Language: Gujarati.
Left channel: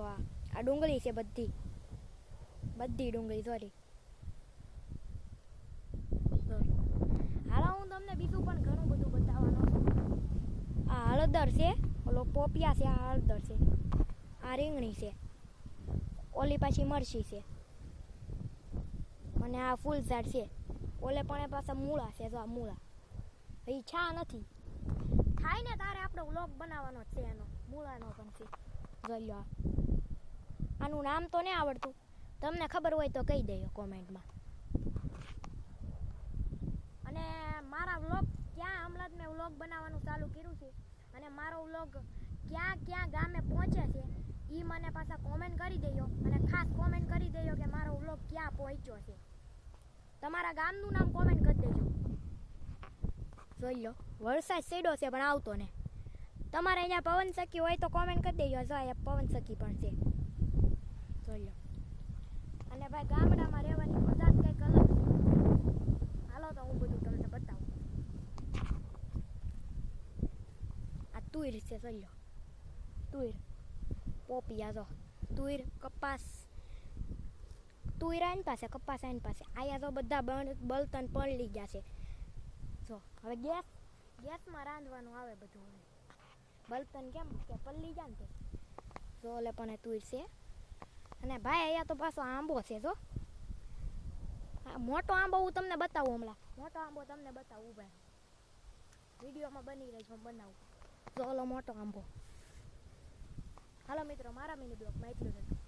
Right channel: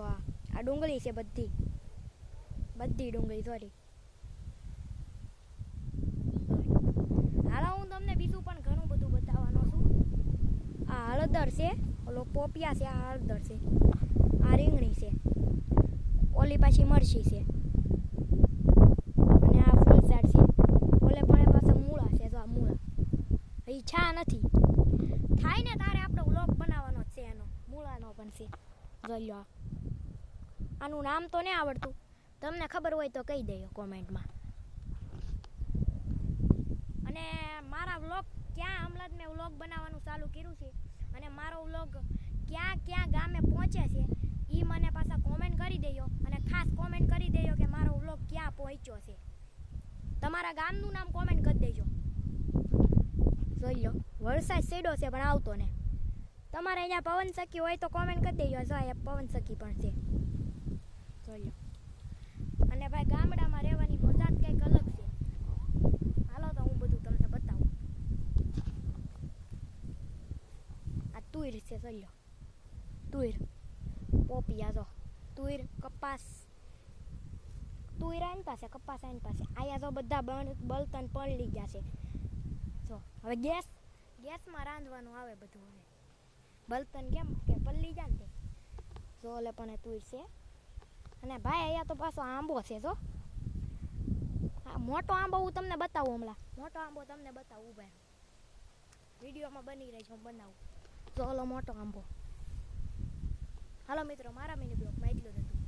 જો આ ડુંગળી છે બધી ડુંગળી સોરી. હાલો હું તમને બીજું પણ ઘણું બધું બતાવવાનો છું. આ હળદર છે, ઓલો પોપિયા છે, આ હળદર છે, આ રીંગણી છે, ઓલી પાછી મરચી છે, અને આ ફૂલઝાડ છે. ઓલે પણ એ પાસે મૂળા છે. જો આ મૂળા એ છા નથી થાય ને તારે આપણે વ્લોગ બનાવવાનો જ છે એનો. મૂળાનો પણ છે. જોઈ લો આનું નામ તો નહીં આવડતું, તમને ખબર હોય તો કહી દેજો કોમેન્ટમાં. અને મારા વ્લોગ ક્યાં હમણાં જ મેં વ્લોગ બનાવવાનું ચાલુ કર્યું છે અને મારો વ્લોગ ક્યાં ક્યાં ગામે પહોંચે છે એ મને પાછા કોમેન્ટ કરી દેજો. અને ખાસ કોમેન્ટ કરી દેજો કે મારો વ્લોગ ક્યાં પહોંચ્યો છે. તમારા ગામનું નામ કોમેન્ટ કરી દેજો. જોઈ લો વરસાદ સેડો છે પણ આવતો ને. તમારે અહીંયા પવન સખી હોય તો કોમેન્ટ કરી દેજો. જો એ પવન સખી પણ છે. જોઈ લો. અને ભાઈ ગામડામાં રહેવાની મજા જ કંઈક અલગ છે. હાલો તો હું બધું તમને બતાવું. આ તુર છે. જોઈ લો તુર, પોપિયા, જો તુર, કપાસ. તુર આની પાસે, કપાસ આની પાસે. અહીંયા જો બધા બળતણ પલળી ગયા છે. જો હવે ગેસમાં રાંધવાનું આવે બધું. હવે બળતણ કેમ કે પલળી જાય ને. જો ઓલે પણ તુર છે. અને ભાઈ અહીંયા તો પાછો આંબો છે. જો મોટો આંબો હું તમને બતાવું હમણાં. મોટો આંબો તમને બતાવું ભાઈ. વિડીયોમાં બની રહી છે, હું બનાવું. જો ઓલો મોટો આંબો. હાલો મિત્રો, મારા મિની બ્લોગમાં એટલું જ હતું.